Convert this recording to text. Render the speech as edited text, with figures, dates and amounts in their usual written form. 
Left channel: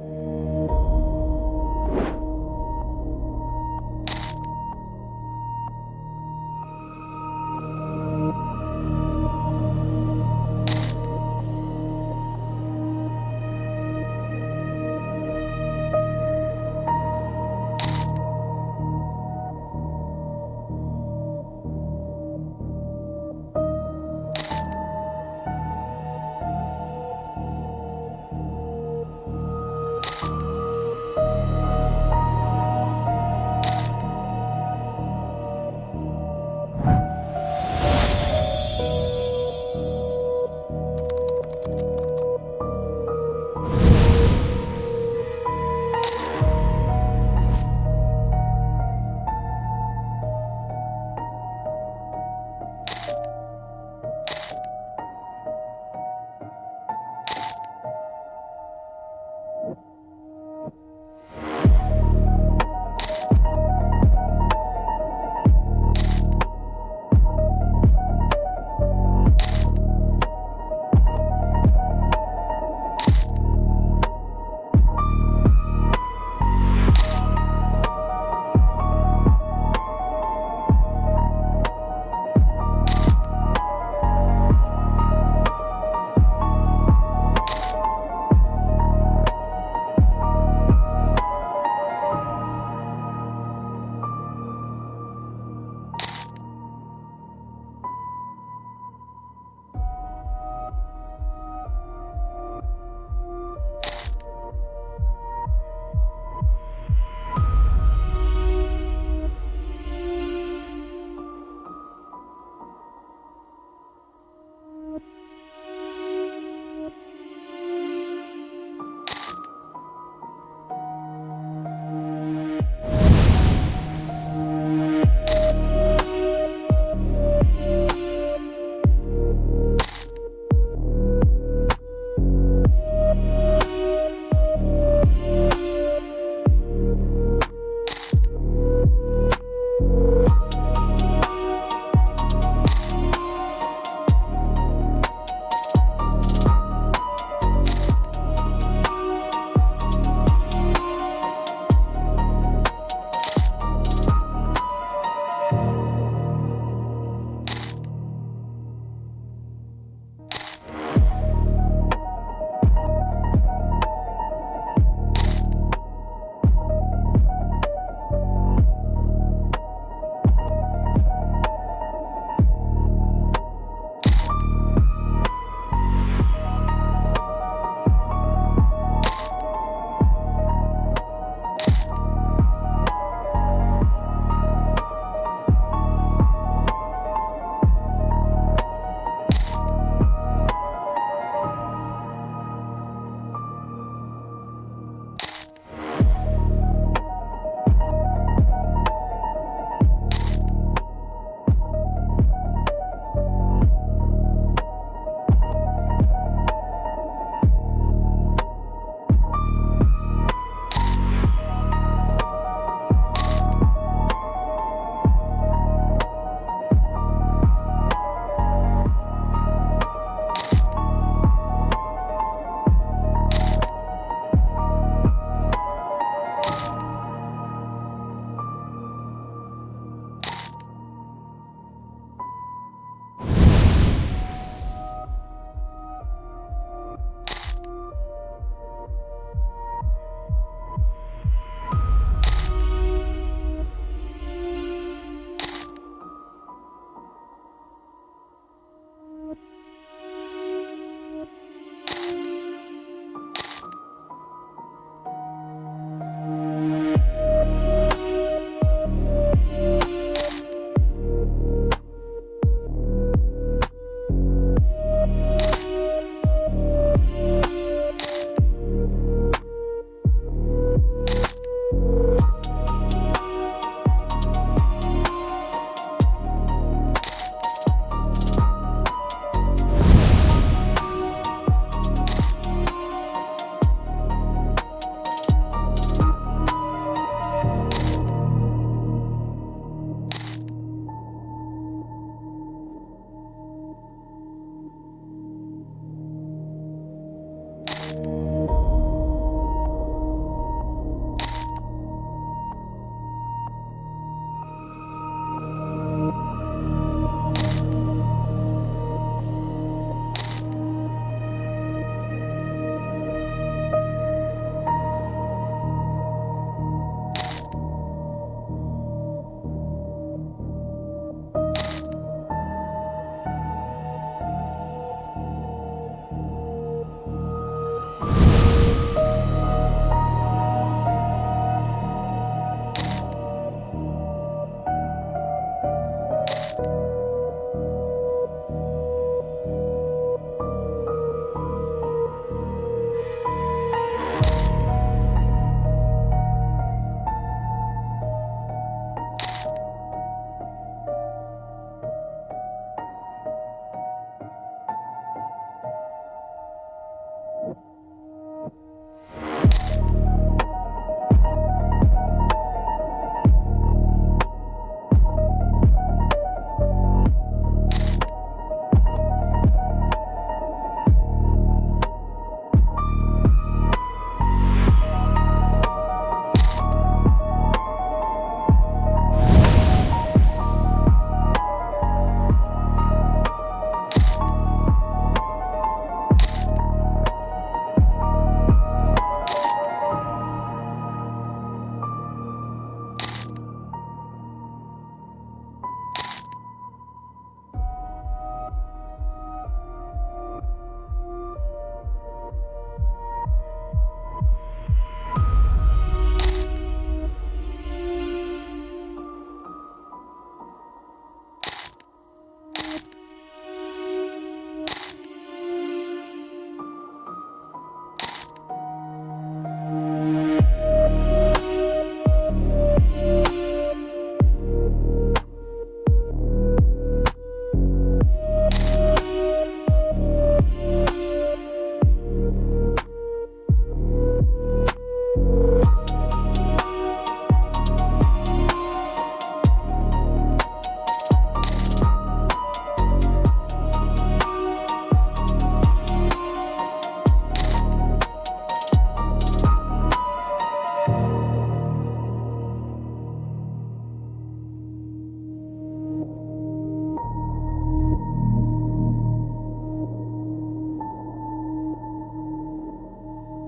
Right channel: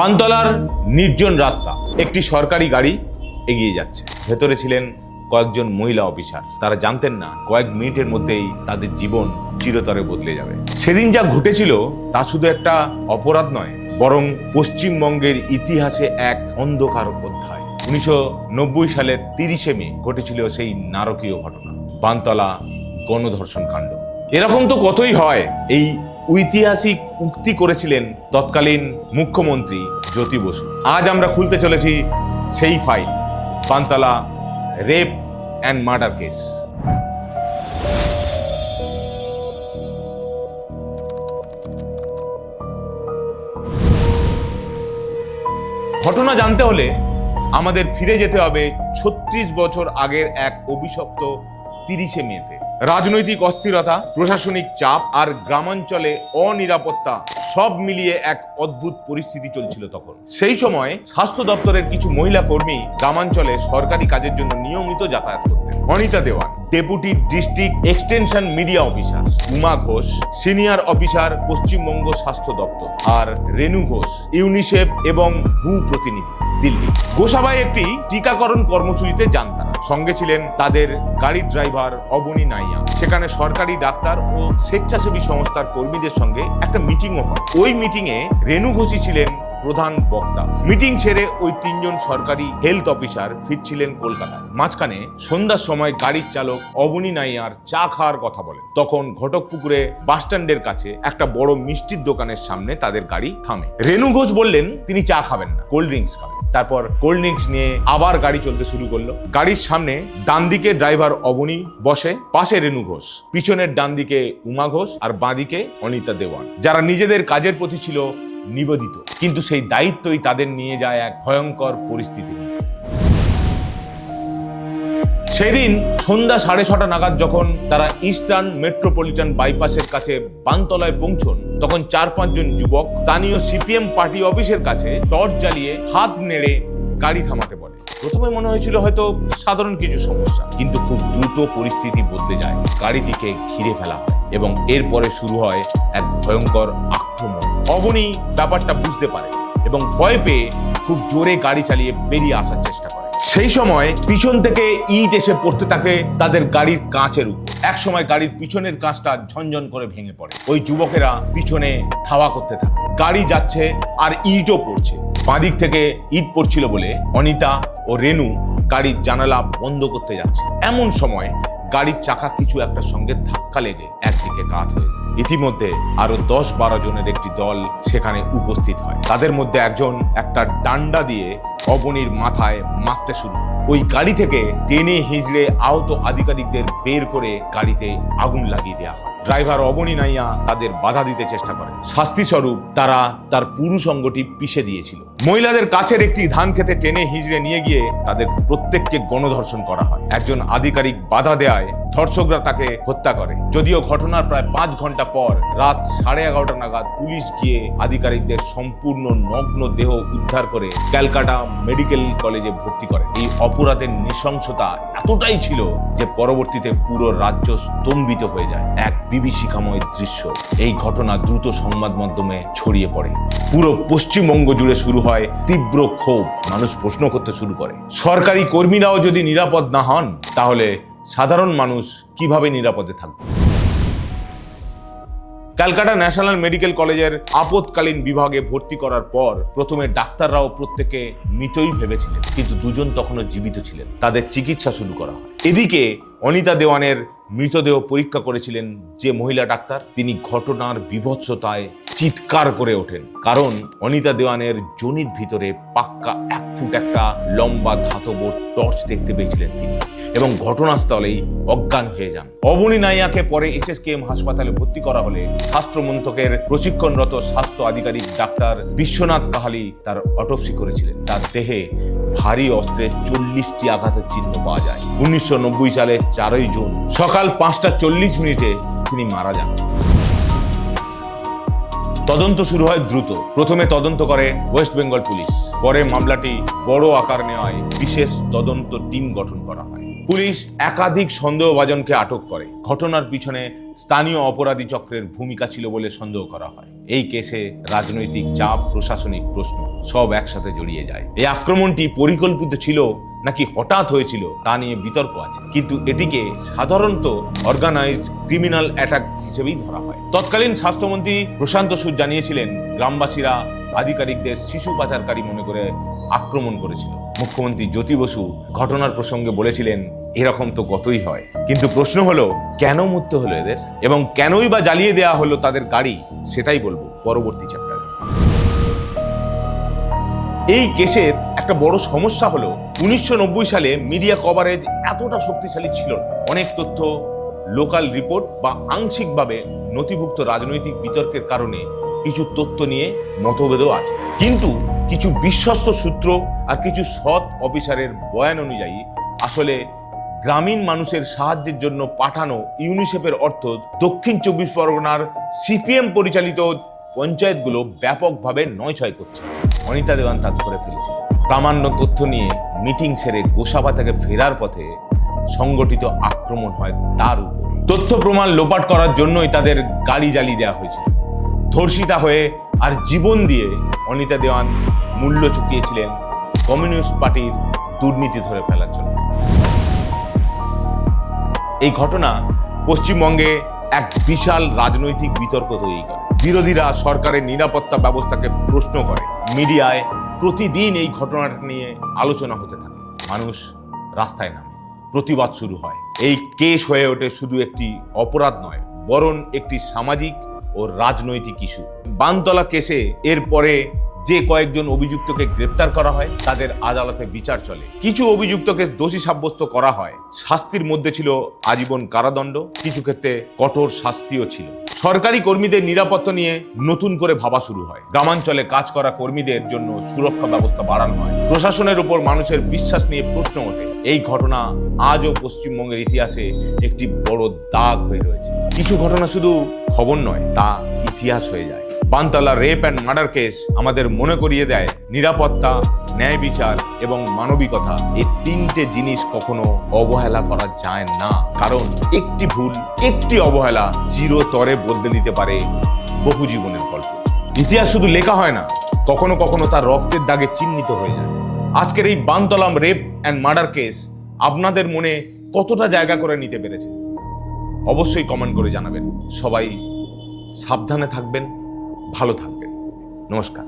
বানতলার নির্জন রাস্তা, একটি সরকারি গাড়ি এগিয়ে যাচ্ছে। ভেতরে ছিলেন কয়েকজন মহিলা অফিসার। তারা জানতেন না কয়েক মিনিটের মধ্যেই তাদের জীবন চিরতরে বদলে যাবে। সেদিন যা ঘটেছিল তা শুধু একটা অপরাধ নয়, বরং পশ্চিমবঙ্গের ইতিহাসে এক অন্ধকার অধ্যায়। 1990 সালের 30শে মে ঘটেছিল সেই নারকীয় ঘটনা, বানতলা গণধর্ষণ কাণ্ড। এরকম তো কতই হয়। এই ঐতিহাসিক উক্তি করেছিলেন তৎকালীন মুখ্যমন্ত্রী জ্যোতি বসু। আজ আমরা খুলতে চলেছি সেই file, Bantala rape and murder case. ঘটনা জানতে হলে আমাদের ফিরে যেতে হবে 36 বছর আগের এক অভিশপ্ত 30শে মেতে। রাজনৈতিক অস্থিরতা, প্রশাসনিক চাপ আর গ্রামাঞ্চলে অনিরাপত্তা সব মিলিয়ে এক অদ্ভুত পরিস্থিতি চলছিল তখন। সেই সময় স্বাস্থ্য দপ্তরের কিছু মহিলা কর্মী গ্রামাঞ্চলে সরকারি কাজের জন্য নিয়মিত যাতায়াত করতেন। Anita Dewan, deputy district extension media officer; Uma Ghosh, senior officer, Paschimbanga স্বাস্থ্য দপ্তর; আর রেনু ঘোষ, ইউনিসেফ এবং হু প্রতিনিধি, দিল্লি। গোসাবাই একটি টিকাকরণ কর্মসূচিতে যান তারা। সঙ্গে ছিলেন তাদের গাড়ির ড্রাইভার অবনী নাইয়া। সেখানে সরকারি ডাক্তার ও স্বেচ্ছাসেবী সংস্থার কর্মীদের সঙ্গে একটা মিটিংও হয়। ওই মিটিংয়ে রেনু ঘোষই ছিলেন প্রধান বক্তা। মিটিং সেরে ওই 3 জন সরকারি হেলথ অফিসার ফিরছিলেন কলকাতায়। মাঝখানে সন্ধ্যার সময় গাড়ির চালক অবনী নাইয়ার চা খাওয়ার কথা বলেন। তখন ঘটকপুকুরে বাসস্ট্যান্ডের কাছে একটা বড় মিষ্টির দোকানের সামনে তাদের গাড়ি থামে। রেনু ঘোষ বললেন তিনি চা খাবেন না, কোল্ড ড্রিঙ্কস খাবেন। তারপর কোল্ড ড্রিঙ্কস নিয়ে আবার গাড়ি চলতে শুরু করলো। গাড়ির সামনে ডান দিকে ড্রাইভার অবনী বসে, পাশে রেনু ঘোষ, পিছনের ডান দিকে উমা ঘোষ আর বাঁ দিকে অনিতা দেওয়ান, যারা নিজেদের কাজের প্রতি ছিল নিবেদিত। কিন্তু সেই দায়িত্বই তাদের নিয়ে যায় এক ভয়ঙ্কর পরিস্থিতি। সেদিন সন্ধ্যা 6:30 নাগাদ যখন তারা ইস্টার্ন মেট্রোপলিটন বাইপাসের কাছে বানতলায় পৌঁছন, তখন 4-5 জন যুবক স্থানীয় সিপিএম পার্টি অফিসের কাছে টর্চ জ্বালিয়ে হাত নেড়ে গাড়ি থামাতে বলে। প্রথমে মনে হয়েছিল হয়তো সাধারণ কিছু সমস্যা, কিন্তু খুব দ্রুত পরিস্থিতি বদলে যায়। গাড়িটিকে ঘিরে ফেলা এবং এরপরে শুরু হয় এক ভয়ঙ্কর আক্রমণ। অবনী ব্যাপারটা বুঝতে পারে এবং ভয় পেয়ে খুব জোরে গাড়ি চালিয়ে বেরিয়ে আসার চেষ্টা করে। সেই সময় পিছন থেকে ইট এসে পড়তে থাকে তাদের গাড়ির কাঁচের উপর। এক সময় গাড়ির পিছনের কাঁচটা ঝনঝন করে ভেঙে পড়ে। ওই যুবকেরা পিছনে ধাওয়া করতে থাকে। গাড়ি যাচ্ছে আর ইটও পড়ছে। বাঁদিক থেকে ইট পড়ছিল বলে অনিতা ও রেনু গাড়ির জানালা বন্ধ করতে যাচ্ছে। এমন সময় গাড়ির চাকা কিছু একটা সঙ্গে ধাক্কা লেগে একদিকে কাত হয়ে যায়। ইতিমধ্যে আরো 10-12 জনের একটি দল সেখানে উপস্থিত হয়। তাদের মধ্যে একজন একটা ডান্ডা দিয়ে অবনীর মাথায় মারতে শুরু করে। ওই গাড়ি থেকে টেনে হিজড়ে আহত আধিকারিকদের বের করে গাড়িতে আগুন লাগিয়ে দেওয়া হয়। ড্রাইভার অবনী নাইয়া তাদের বাধা দিতে চেষ্টা করে। শাস্তি স্বরূপ তারা তার পুরুষ অঙ্গটি পিষে দিয়েছিল। মহিলাদের কাছের একটি ধান খেতে টেনে হিজড়ে নিয়ে গিয়ে তাদের প্রত্যেককে গণধর্ষণ করা হয়। একজন আধিকারিক বাধা দেয়ায় ধর্ষকরা তাকে হত্যা করে। যদিও ঘটনার প্রায় 5 ঘন্টা পর রাত 11:30 নাগাদ পুলিশ গিয়ে আধিকারিকদের সম্পূর্ণ নগ্ন দেহ উদ্ধার করে ক্যালকাটা মেডিকেল কলেজে ভর্তি করে। এই অপরাধের নৃশংসতা এতটাই ছিল যে পরবর্তীতে পুরো রাজ্য স্তম্ভিত হয়ে যায়। এক বিভীষিকাময় দৃশ্য। এই ঘটনা দ্রুত সংবাদ মাধ্যমে ছড়িয়ে পড়ে। পুরো পশ্চিমবঙ্গ জুড়ে শুরু হয় তীব্র ক্ষোভ। মানুষ প্রশ্ন করতে শুরু করে, সরকারি কর্মীরাও যদি নিরাপদ না হন, তাহলে সাধারণ মানুষ কিভাবে নিরাপদে থাকবে? ক্যালকাটা ন্যাশনাল মেডিকেল কলেজের আপৎকালীন বিভাগে ভর্তি করার পর প্রথমে ডাক্তাররাও প্রত্যেকে মৃতই ভেবেছিলেন, কিন্তু 2 জন তখনও জীবিত ছিলেন। তাদের চিকিৎসা শুরু করা হয়। এদিকে অনিতা দেওয়ানের মৃতদেহ পরীক্ষা করেছিলেন যে মহিলা ডাক্তার, তিনি ঘটনার বীভৎসতায় চিৎকার করে ওঠেন। কারণ অনিতা দেওয়ানের যোনির ভিতরে পাক্কা 1 ফুট একটা লম্বা ধাতব টর্চ দেখতে পেয়েছিলেন তিনি, এবং ঘটনাস্থলেই অজ্ঞান হয়ে যান। অবনী নাইয়াকে পরে SSKM হাসপাতালে ভর্তি করা হলে স্বাস্থ্য মন্ত্রকের প্রশিক্ষণরত স্বাস্থ্য আধিকারিক ডাক্তার বিশ্বনাথ কাহালি তার অটোপসি করেছিলেন। তার দেহে ভারী অস্ত্রের 40টি আঘাতের চিহ্ন পাওয়া যায়। 1990 সালের 4ই জুন সকাল 5:40 তিনি মারা যান। তদন্ত শুরু হয় দ্রুত। প্রথমে তদন্ত করে ওয়েস্ট বেঙ্গল পুলিশ। পরে মামলাটি বড় আকার নেওয়ায় বিশেষ তদন্ত টিম গঠন করা হয়। পুলিশ একাধিক সন্দেহভাজনকে আটক করে। ঘটনার পিছনে স্থানীয় অপরাধী চক্রের ভূমিকা ছিল বলে সন্দেহ করা হয়। এই কেসে রাজনৈতিক চাপ, প্রশাসনিক প্রশ্ন সব একসাথে জড়িয়ে যায়। এই আক্রমণটি পরিকল্পিত ছিল নাকি হঠাৎ হয়েছিল তা নিয়ে বিতর্ক আছে, কিন্তু এটিকে সাধারণত অর্গানাইজড ক্রিমিনাল অ্যাটাক হিসেবেই ধরা হয়। তৎকালীন স্বাস্থ্যমন্ত্রী প্রশান্ত সুদ জানিয়েছিলেন, গ্রামবাসীরা আধিকারিকদের শিশু পাচারকারী মনে করে আক্রমণ করেছিল। মুখ্যমন্ত্রী জ্যোতি বসু ঘটনার প্রসঙ্গে বলেছিলেন, এরকম তো গতই হয়। কিন্তু প্রশ্ন হলো, কেন মরতে হলো এদের, এবং কেনই বা জ্বালিয়ে দেওয়া হলো তাদের গাড়ি, সেটাই বলবো পরবর্তী চ্যাপ্টারে। এই কেসের একটা বড় সমস্যা হলো 1990 সালে মিডিয়া কভারেজ এতটা শক্তিশালী ছিল না। অনেক তথ্য লোকাল রিপোর্ট বা আংশিকভাবে নথিভুক্ত রাজনৈতিক বিতর্কের কারণে কিছু তথ্য নিয়ে মতভেদও আছে। কিন্তু কিছু বিশ্বস্ত সূত্র আর কিছু সৎ অফিসারের বয়ান অনুযায়ী আসলে গ্রামীণ মানুষের সাহায্যের জন্য পাঠানো ইউনিসেফের অর্থ দক্ষিণ 24 পরগনার সিপিএম পরিচালিত পঞ্চায়েতগুলো ব্যাপকভাবে নয়ছয় করছে। অনিতা দেওয়ান তা ধরে ফেলেছে। প্রামাণ্য তথ্য নিয়ে মিটিং সেরে গোসাবা থেকে ফেরার পথে সংগঠিত আক্রমণ হয় তার উপর। তথ্য প্রমাণ লোপাট করার জন্যই তাদের গাড়ি জ্বালিয়ে দেওয়া হয়েছিল। ধর্ষিতা হয়ে আর জীবন দিয়ে অনিতা দেওয়ান মূল্য চুকিয়েছিলেন কমিউনিস্ট পার্টির দুর্নীতি ধরে ফেলার জন্য। এই ঘটনা পশ্চিমবঙ্গে এক বিশাল রাজনৈতিক বিতর্ক তৈরি করে। বিরোধীরা সরকারের নিরাপত্তা ব্যবস্থাকে প্রশ্ন করে। মিডিয়ায় প্রতিদিন এই ঘটনাটা নিয়ে আলোচনা হতে থাকে। মানুষ রাস্তায় নামে, প্রতিবাদ শুরু হয়। এই কেস হয়ে ওঠে শুধু একটি অপরাধ নয়, বরং একটি সামাজিক ও রাজনৈতিক ইস্যু। বানতলা কেসে এরপরে যে কয়েকজন অভিযুক্তকে গ্রেপ্তার করা হয়, তাদের আদালতে বিচার চলে। কিছু অভিযুক্তকে দোষী সাব্যস্ত করা হয়। শাস্তির মধ্যে ছিল আজীবন কারাদণ্ড, কিছু ক্ষেত্রে কঠোর শাস্তিও ছিল। সরকারি কর্মীদের নিরাপত্তা নিয়ে নতুন করে ভাবা শুরু হয়। গ্রামাঞ্চলে কাজ করা কর্মীদের জন্য সুরক্ষা ব্যবস্থা বাড়ানো হয়। প্রশাসনের উপর মানুষের বিশ্বাস নিয়ে প্রশ্ন ওঠে। এই ঘটনা আজও পশ্চিমবঙ্গের ইতিহাসে একটি বড় দাগ হয়ে রয়েছে। কিছু ঘটনা শুধু খবর নয়, তা ইতিহাস হয়ে যায়। Bantala rape and murder case আমাদের মনে করিয়ে দেয়, নিরাপত্তা, ন্যায় বিচার এবং মানবিকতা এই তিনটে জিনিস কখনো অবহেলা করা যায় না। কারণ একটি ভুল, একটি অবহেলা চিরতরে বদলে দিতে পারে বহু জীবনের গল্প। ইতিহাস শুধু লেখা হয় না, কখনো কখনো তার রক্তের দাগে চিহ্নিত হয়ে যায়। আজকের এই Bantala rape and murder case আপনাদের মনে কতটা জায়গা করে নিতে পেরেছে অবশ্যই কমেন্ট করে জানাবেন। সবাই সাবধানে থাকবেন, ভালো থাকবেন। নমস্কার।